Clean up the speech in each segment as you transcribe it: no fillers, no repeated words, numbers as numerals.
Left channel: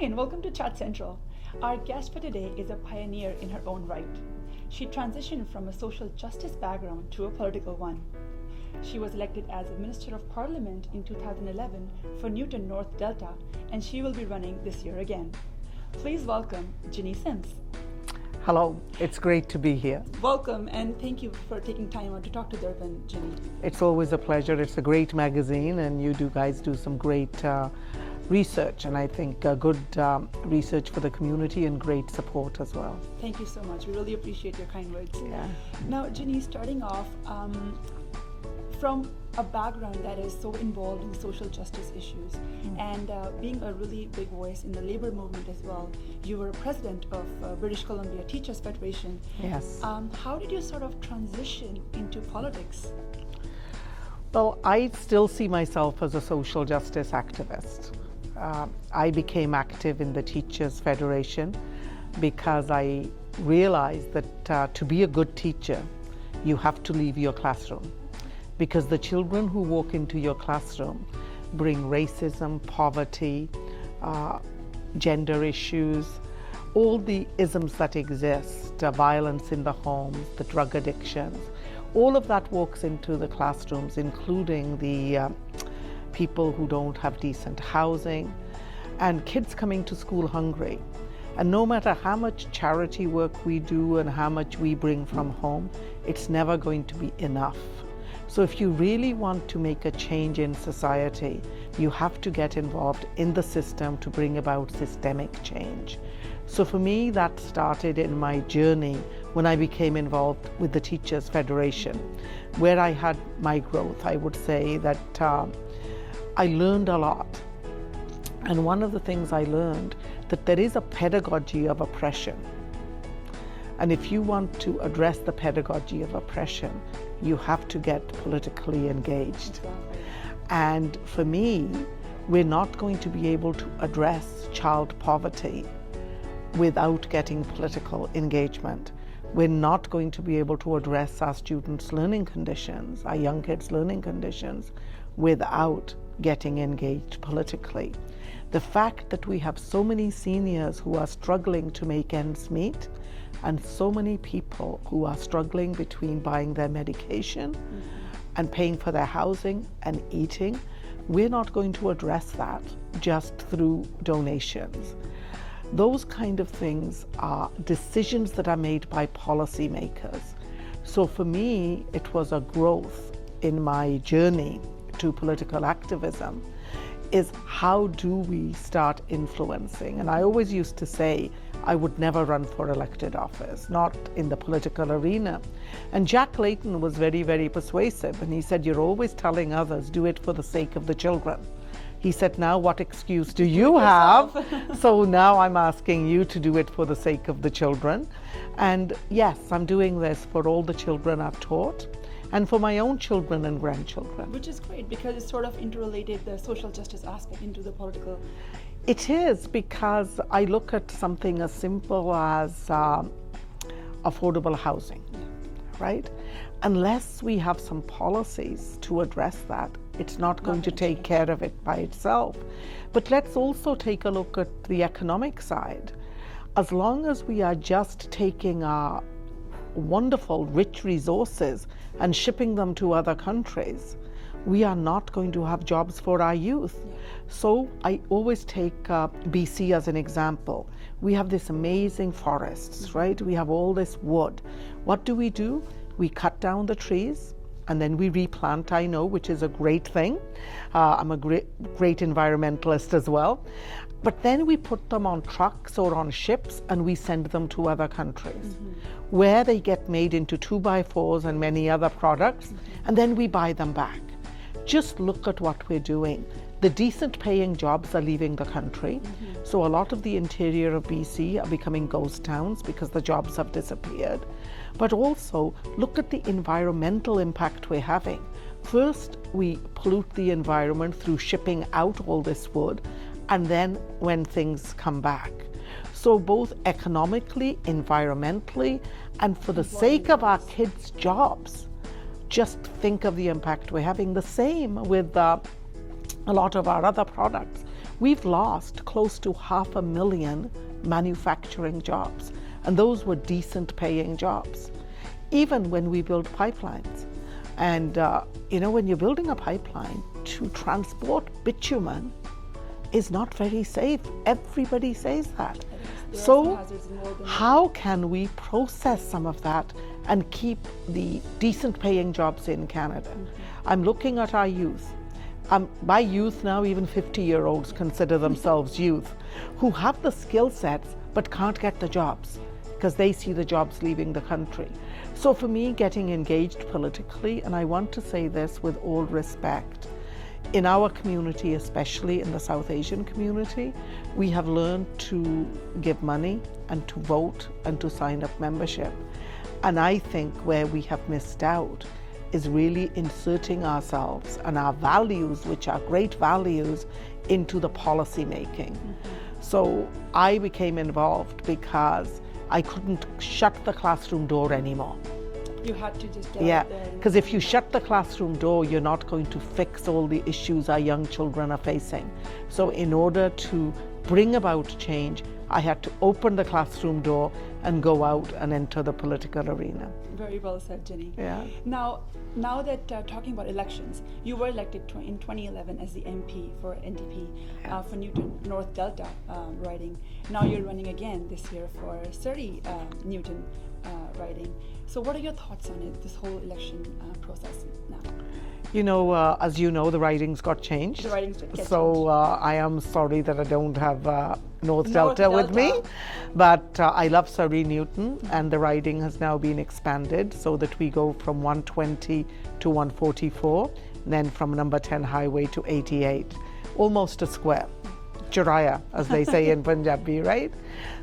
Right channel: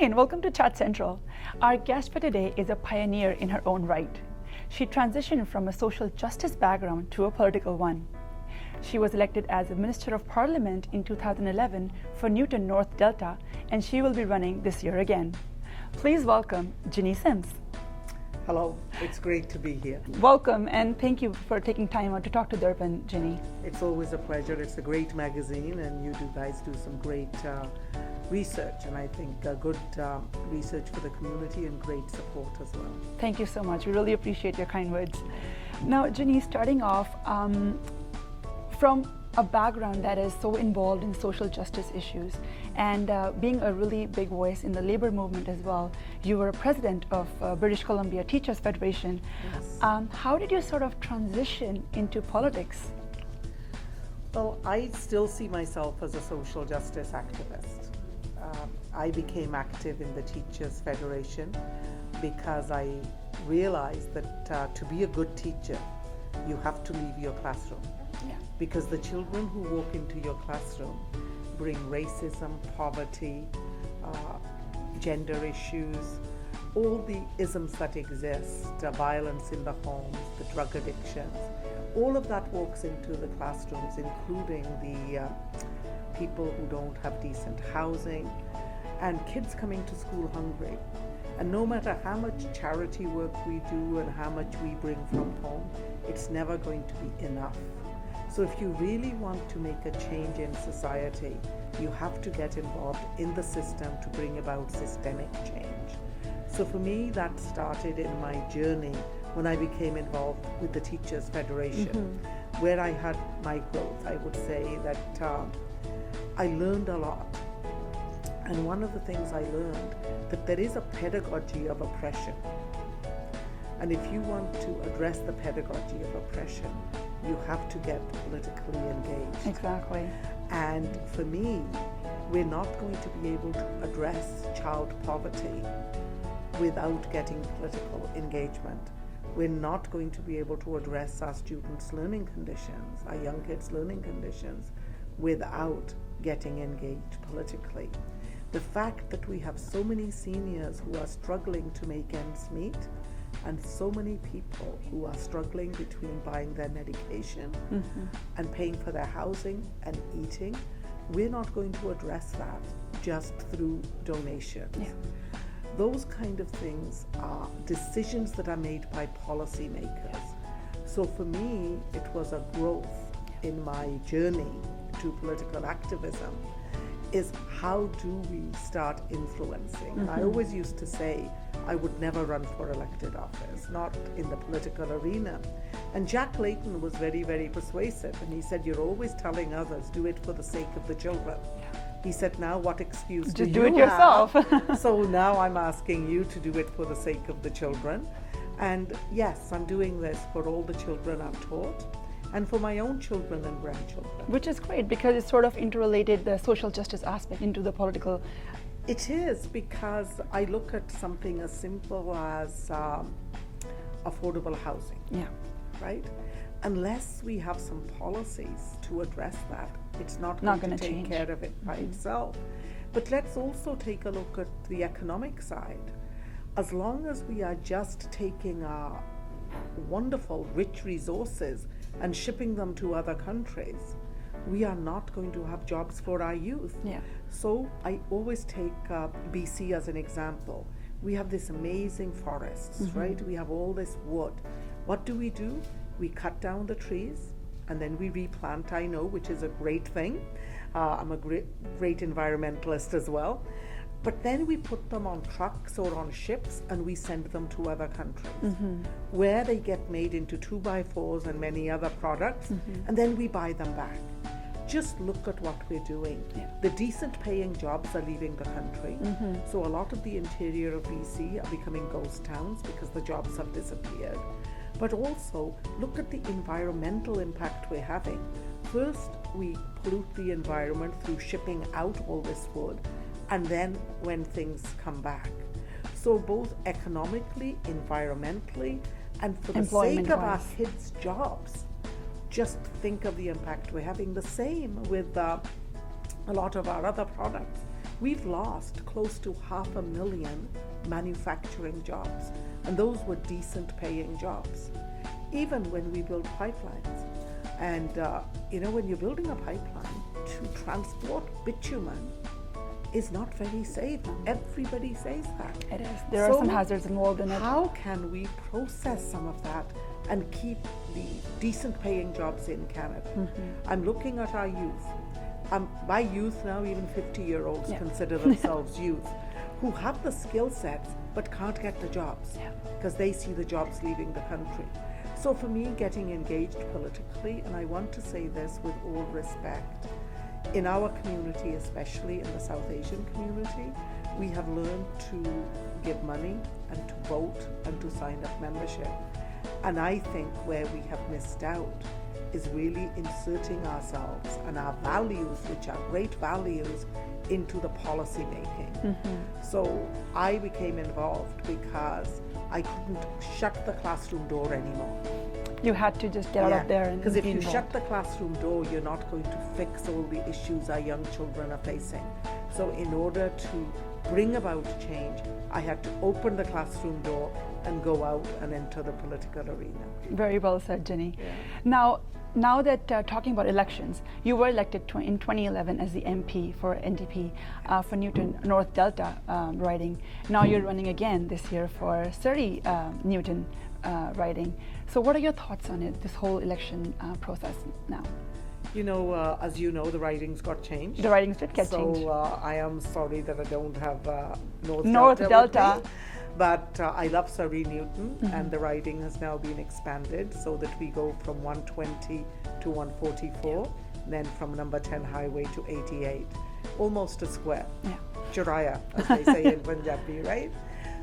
and welcome to Chat Central. Our guest for today is a pioneer in her own right. She transitioned from a social justice background to a political one. She was elected as a Minister of Parliament in 2011 for Newton North Delta, and she will be running this year again. Please welcome Jiny Sims. Hello, it's great to be here. Welcome, and thank you for taking time out to talk to DARPAN, Jiny. It's always a pleasure. It's a great magazine, and you guys do some great research, and I think good research for the community and great support as well. Thank you so much. We really appreciate your kind words. Yeah. Now, Jiny, starting off, from a background that is so involved in social justice issues and being a really big voice in the labor movement as well, you were president of British Columbia Teachers Federation. Yes. How did you sort of transition into politics? Well, I still see myself as a social justice activist. I became active in the Teachers Federation because I realized that to be a good teacher, you have to leave your classroom. Because the children who walk into your classroom bring racism, poverty, gender issues, all the isms that exist, violence in the homes, the drug addictions, all of that walks into the classrooms, including the people who don't have decent housing, and kids coming to school hungry. And no matter how much charity work we do and how much we bring from home, it's never going to be enough. So if you really want to make a change in society, you have to get involved in the system to bring about systemic change. So for me, that started in my journey when I became involved with the Teachers Federation, where I had my growth. I would say that I learned a lot. And one of the things I learned, that there is a pedagogy of oppression. And if you want to address the pedagogy of oppression, you have to get politically engaged. Exactly. And for me, we're not going to be able to address child poverty without getting political engagement. We're not going to be able to address our students' learning conditions, our young kids' learning conditions, without getting engaged politically. The fact that we have so many seniors who are struggling to make ends meet, and so many people who are struggling between buying their medication and paying for their housing and eating, we're not going to address that just through donations. Yeah. Those kind of things are decisions that are made by policymakers. So for me, it was a growth in my journey to political activism, is how do we start influencing? And I always used to say, I would never run for elected office, not in the political arena. And Jack Layton was very, very persuasive, and he said, you're always telling others, do it for the sake of the children. He said, now what excuse do you have? So now I'm asking you to do it for the sake of the children. And yes, I'm doing this for all the children I've taught, and for my own children and grandchildren. Which is great, because it's sort of interrelated the social justice aspect into the political. It is, because I look at something as simple as affordable housing, right? Unless we have some policies to address that, it's not going to take care of it by itself. But let's also take a look at the economic side. As long as we are just taking our wonderful, rich resources and shipping them to other countries, we are not going to have jobs for our youth. Yeah. So I always take BC as an example. We have this amazing forests, right? We have all this wood. What do? We cut down the trees and then we replant, I know, which is a great thing. I'm a great environmentalist as well. But then we put them on trucks or on ships and we send them to other countries where they get made into 2x4s and many other products, and then we buy them back. Just look at what we're doing. The decent paying jobs are leaving the country. So a lot of the interior of BC are becoming ghost towns because the jobs have disappeared. But also look at the environmental impact we're having. First, we pollute the environment through shipping out all this wood, and then when things come back. So both economically, environmentally, and for the sake of our kids' jobs, just think of the impact we're having. The same with a lot of our other products. we've lost close to 500,000 manufacturing jobs, and those were decent paying jobs, even when we build pipelines. And when you're building a pipeline, to transport bitumen is not very safe. Everybody says that. It is. There are some hazards involved in it. How can we process some of that and keep the decent paying jobs in Canada? I'm looking at our youth. By youth now, even 50-year-olds consider themselves youth, who have the skill sets but can't get the jobs because they see the jobs leaving the country. So for me, getting engaged politically, and I want to say this with all respect, in our community, especially in the South Asian community, we have learned to give money and to vote and to sign up membership. And I think where we have missed out is really inserting ourselves and our values, which are great values, into the policy making. So I became involved because I couldn't shut the classroom door anymore. You had to just get out there. Because if you shut the classroom door, you're not going to fix all the issues our young children are facing. So in order to bring about change, I had to open the classroom door and go out and enter the political arena. Very well said, Jiny. Yeah. Now that talking about elections, you were elected in 2011 as the MP for NDP for Newton North Delta riding. Now you're running again this year for Surrey Newton riding. So what are your thoughts on it, this whole election process now? As you know, the ridings got changed. The ridings did get changed. So I am sorry that I don't have North Delta with me. But I love Surrey Newton, and the riding has now been expanded so that we go from 120 to 144, and then from number 10 highway to 88. Almost a square. Churaya, as they say in Punjabi, right?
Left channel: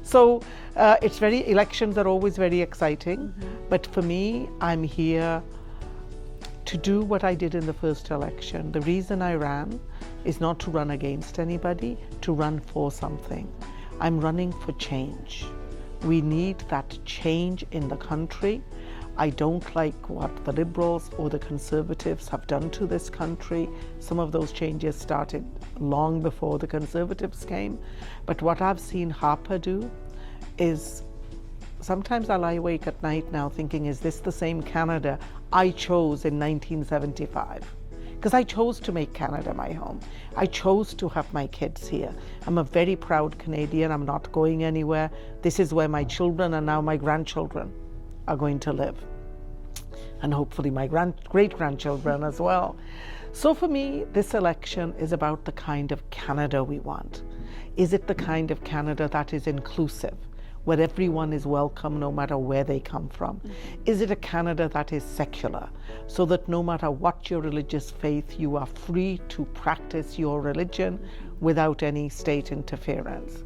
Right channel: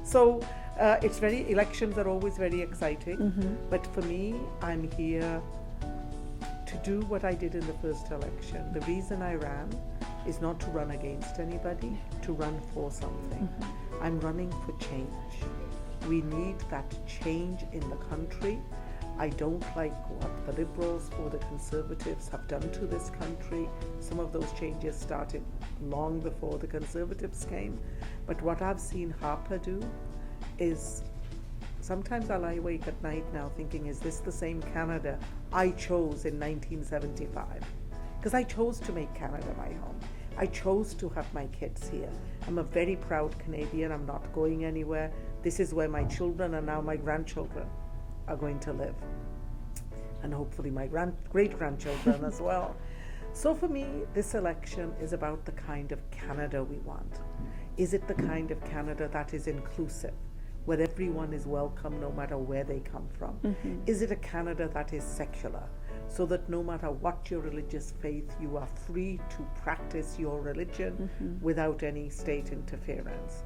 So elections are always very exciting, but for me, I'm here to do what I did in the first election. The reason I ran is not to run against anybody, to run for something. I'm running for change. We need that change in the country. I don't like what the Liberals or the Conservatives have done to this country. Some of those changes started long before the Conservatives came. But what I've seen Harper do is, sometimes I lie awake at night now thinking, is this the same Canada I chose in 1975? Because I chose to make Canada my home. I chose to have my kids here. I'm a very proud Canadian. I'm not going anywhere. This is where my children and now my grandchildren are going to live. And hopefully my great-grandchildren as well. So for me, this election is about the kind of Canada we want. Is it the kind of Canada that is inclusive, where everyone is welcome no matter where they come from? Is it a Canada that is secular, so that no matter what your religious faith, you are free to practice your religion without any state interference?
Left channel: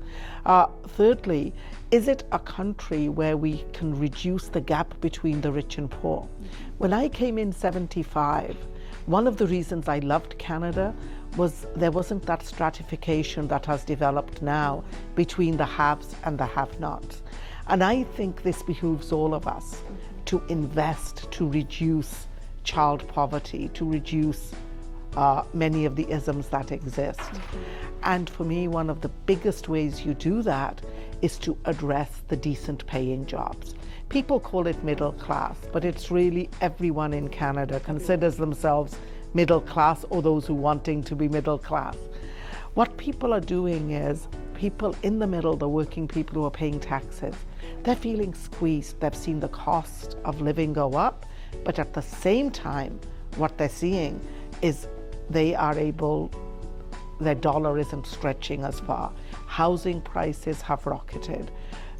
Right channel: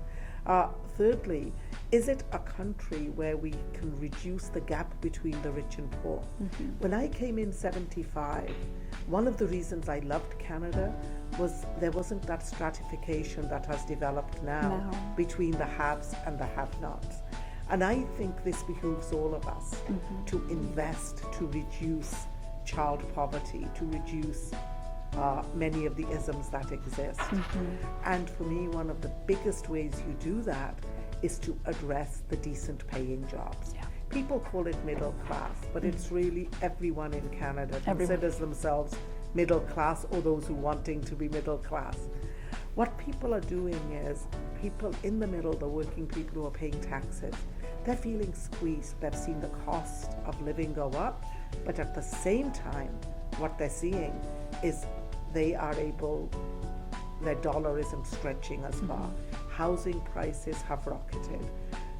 Thirdly, is it a country where we can reduce the gap between the rich and poor? When I came in 75, one of the reasons I loved Canada was there wasn't that stratification that has developed now between the haves and the have-nots. And I think this behooves all of us to invest, to reduce child poverty, to reduce many of the isms that exist. And for me, one of the biggest ways you do that is to address the decent paying jobs. People call it middle class, but it's really everyone in Canada considers themselves middle class, or those who wanting to be middle class. What people are doing is, people in the middle, the working people who are paying taxes, they're feeling squeezed. They've seen the cost of living go up, but at the same time, what they're seeing is they are able, their dollar isn't stretching as far. Housing prices have rocketed.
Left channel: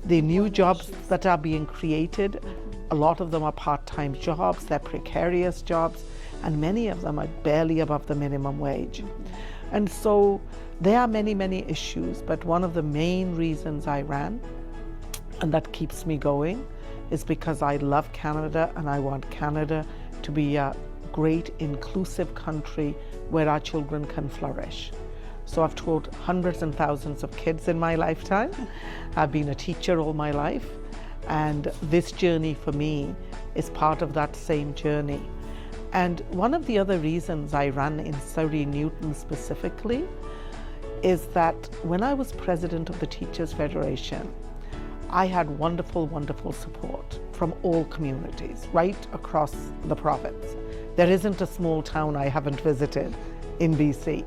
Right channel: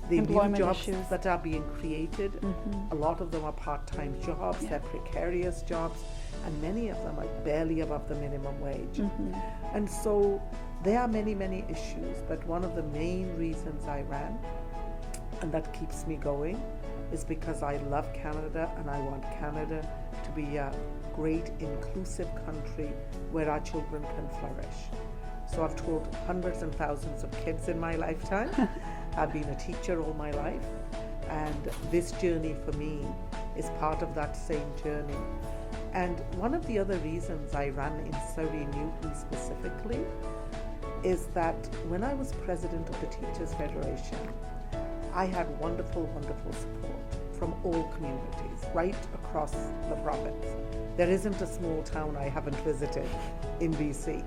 The new jobs that are being created, a lot of them are part-time jobs, they're precarious jobs, and many of them are barely above the minimum wage. And so there are many, many issues, but one of the main reasons I ran, and that keeps me going, is because I love Canada and I want Canada to be a great inclusive country where our children can flourish. So I've taught hundreds and thousands of kids in my lifetime. I've been a teacher all my life, and this journey for me is part of that same journey. And one of the other reasons I ran in Surrey Newton specifically is that when I was president of the Teachers Federation, I had wonderful, wonderful support from all communities right across the province. There isn't a small town I haven't visited in BC.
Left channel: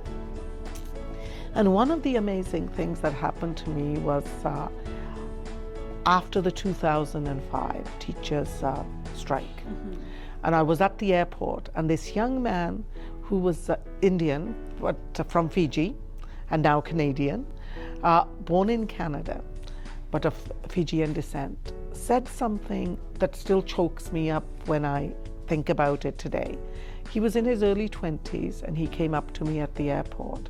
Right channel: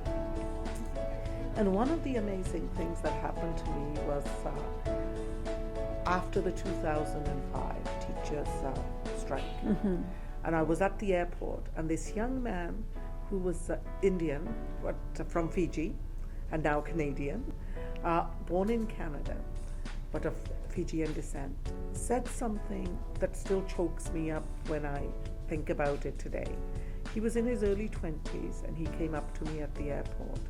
And one of the amazing things that happened to me was after the 2005 teachers' strike. And I was at the airport, and this young man who was Indian, but from Fiji, and now Canadian, born in Canada, but of Fijian descent, said something that still chokes me up when I think about it today. He was in his early 20s, and he came up to me at the airport.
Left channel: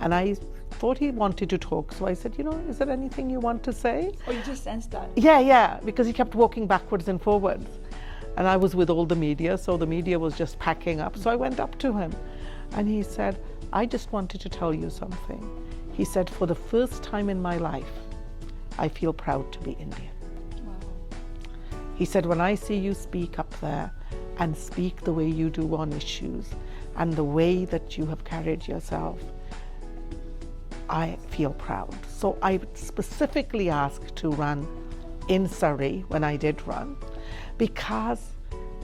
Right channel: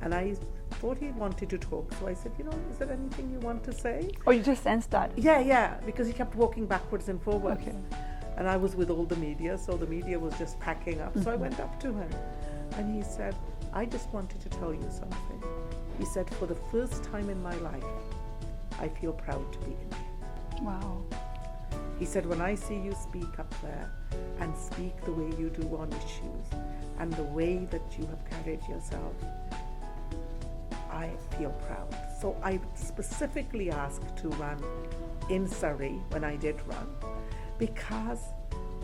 And I thought he wanted to talk, so I said, is there anything you want to say? Oh, you just sensed that? Yeah, because he kept walking backwards and forwards. Okay. And I was with all the media, so the media was just packing up. So I went up to him, and he said, I just wanted to tell you something. He said, for the first time in my life, I feel proud to be Indian. Wow. He said, when I see you speak up there and speak the way you do on issues and the way that you have carried yourself, I feel proud. So I specifically asked to run in Surrey when I did run, because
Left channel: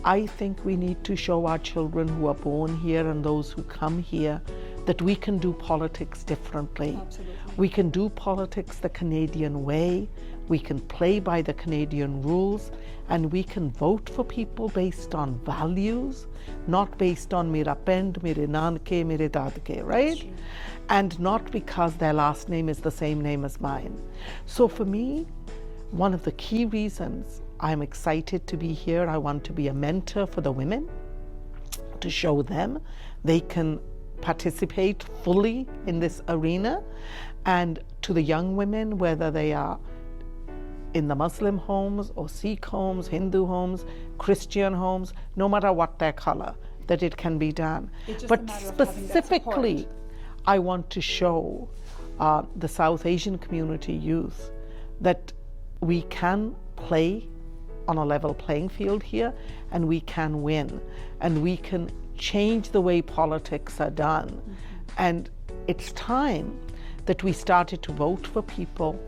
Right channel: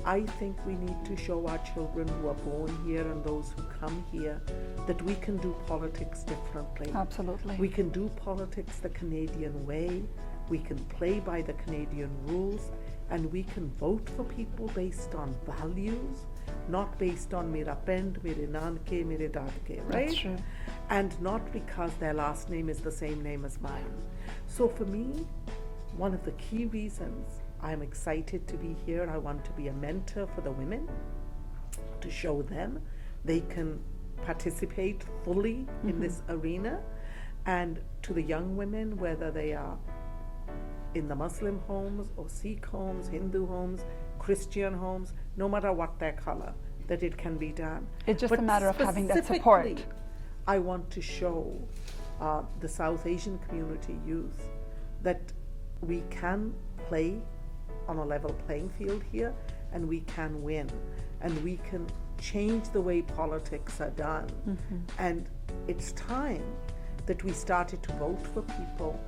I think we need to show our children who are born here and those who come here that we can do politics differently. Absolutely. We can do politics the Canadian way, we can play by the Canadian rules, and we can vote for people based on values, not based on mera pend, mere nanke, mere dadke, right? That's true. And not because their last name is the same name as mine. So for me, one of the key reasons I'm excited to be here, I want to be a mentor for the women, to show them they can participate fully in this arena, and to the young women, whether they are in the Muslim homes or Sikh homes, Hindu homes, Christian homes, no matter what their color, that it can be done. It's just a matter of having that support. Specifically, I want to show the South Asian community youth that we can play on a level playing field here, and we can win, and we can change the way politics are done. And it's time that we started to vote for people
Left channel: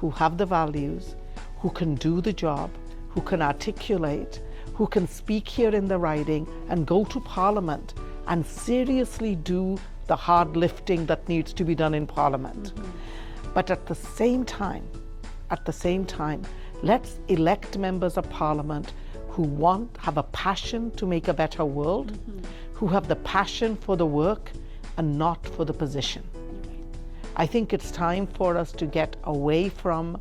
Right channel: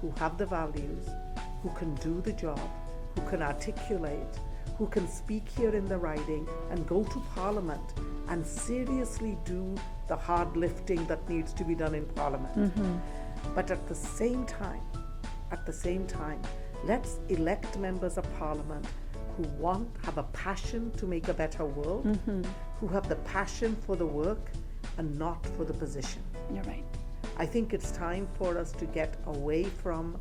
who have the values, who can do the job, who can articulate, who can speak here in the riding and go to Parliament and seriously do the hard lifting that needs to be done in Parliament. But at the same time, let's elect members of Parliament who have a passion to make a better world, who have the passion for the work and not for the position. You're right. I think it's time for us to get away from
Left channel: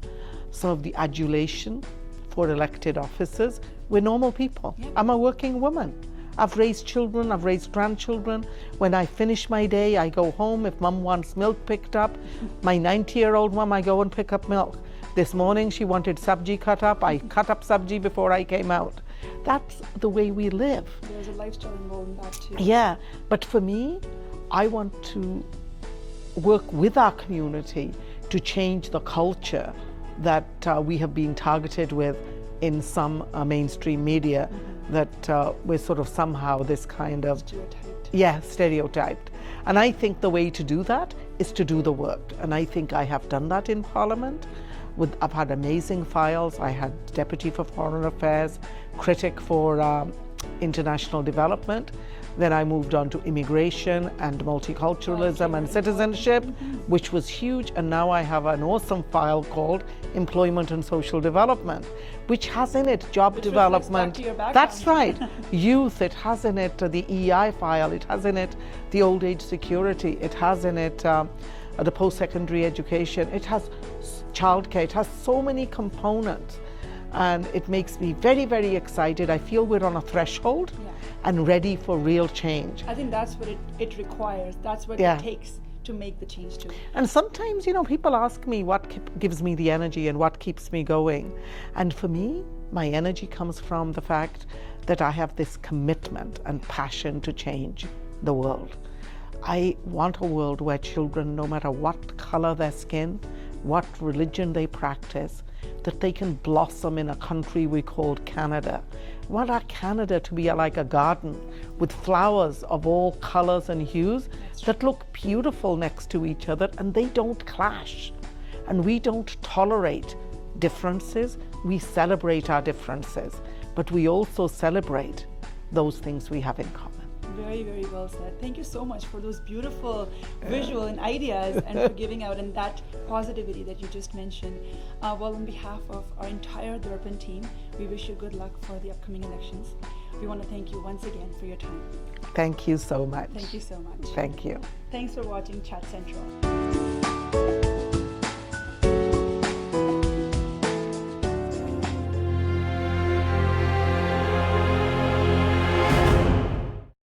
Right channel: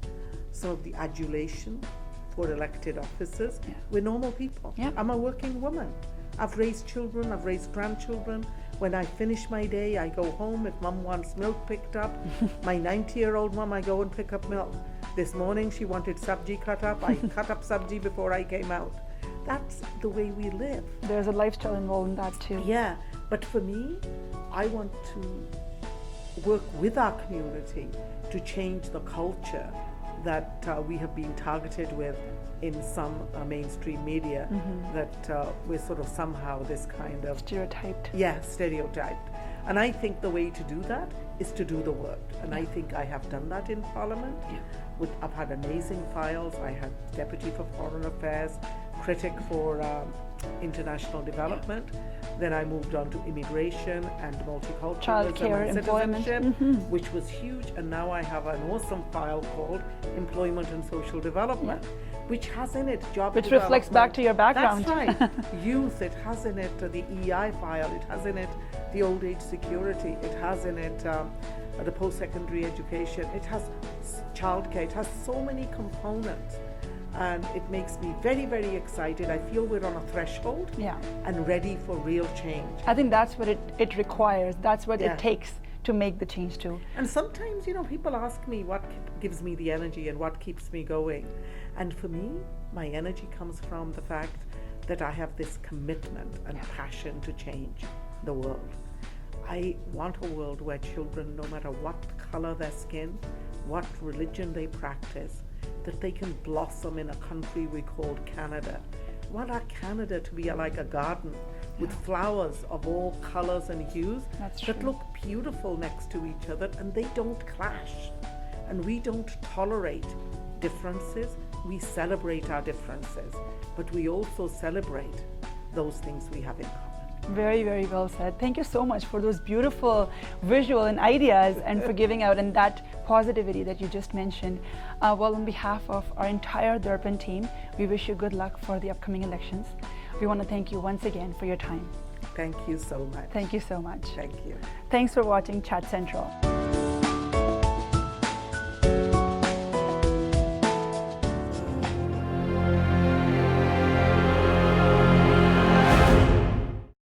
some of the adulation for elected officers. We're normal people. I'm a working woman. I've raised children, I've raised grandchildren. When I finish my day, I go home. If mom wants milk picked up, my 90-year-old mom, I go and pick up milk. This morning she wanted sabji cut up. I cut up sabji before I came out. That's the way we live. There's a lifestyle involved in that too. Yeah, but for me, I want to work with our community to change the culture that we have been targeted with in some mainstream media, that we're sort of somehow this kind of stereotyped. Yeah, stereotyped. And I think the way to do that is to do the work. And I think I have done that in Parliament. I've had amazing files. I had Deputy for Foreign Affairs, Critic for International Development. Then I moved on to immigration and multiculturalism and citizenship, which was huge. And now I have an awesome file called Employment and Social Development, which has in it job development. Reflects back to your background. That's right. Youth, it has in it the EI file, it has in it the old age security, it has in it the post-secondary education, it has childcare, it has so many components. And it makes me very, very excited. I feel we're on a threshold and ready for real change. I think that's what it requires. That's what it takes to make the change too. And sometimes, people ask me what gives me the energy and what keeps me going. And for me, my energy comes from the fact that I have this commitment and passion to change the world. I want a world where children, no matter what color their skin, what religion they practice, that they can blossom in a country we call Canada. I want our Canada to be like a garden with flowers of all colors and hues that true. look beautiful next to each other, and they don't clash. And we don't tolerate differences, we celebrate our differences, but we also celebrate those things we have in common. Very, very well said. Thank you so much for those beautiful visual and ideas and for giving out and that positivity that you just mentioned. Well, on behalf of our entire DARPAN team, we wish you good luck for the upcoming elections. We want to thank you once again for your time. Thank you so much. Thank you so much. Thank you. Thanks for watching Chat Central.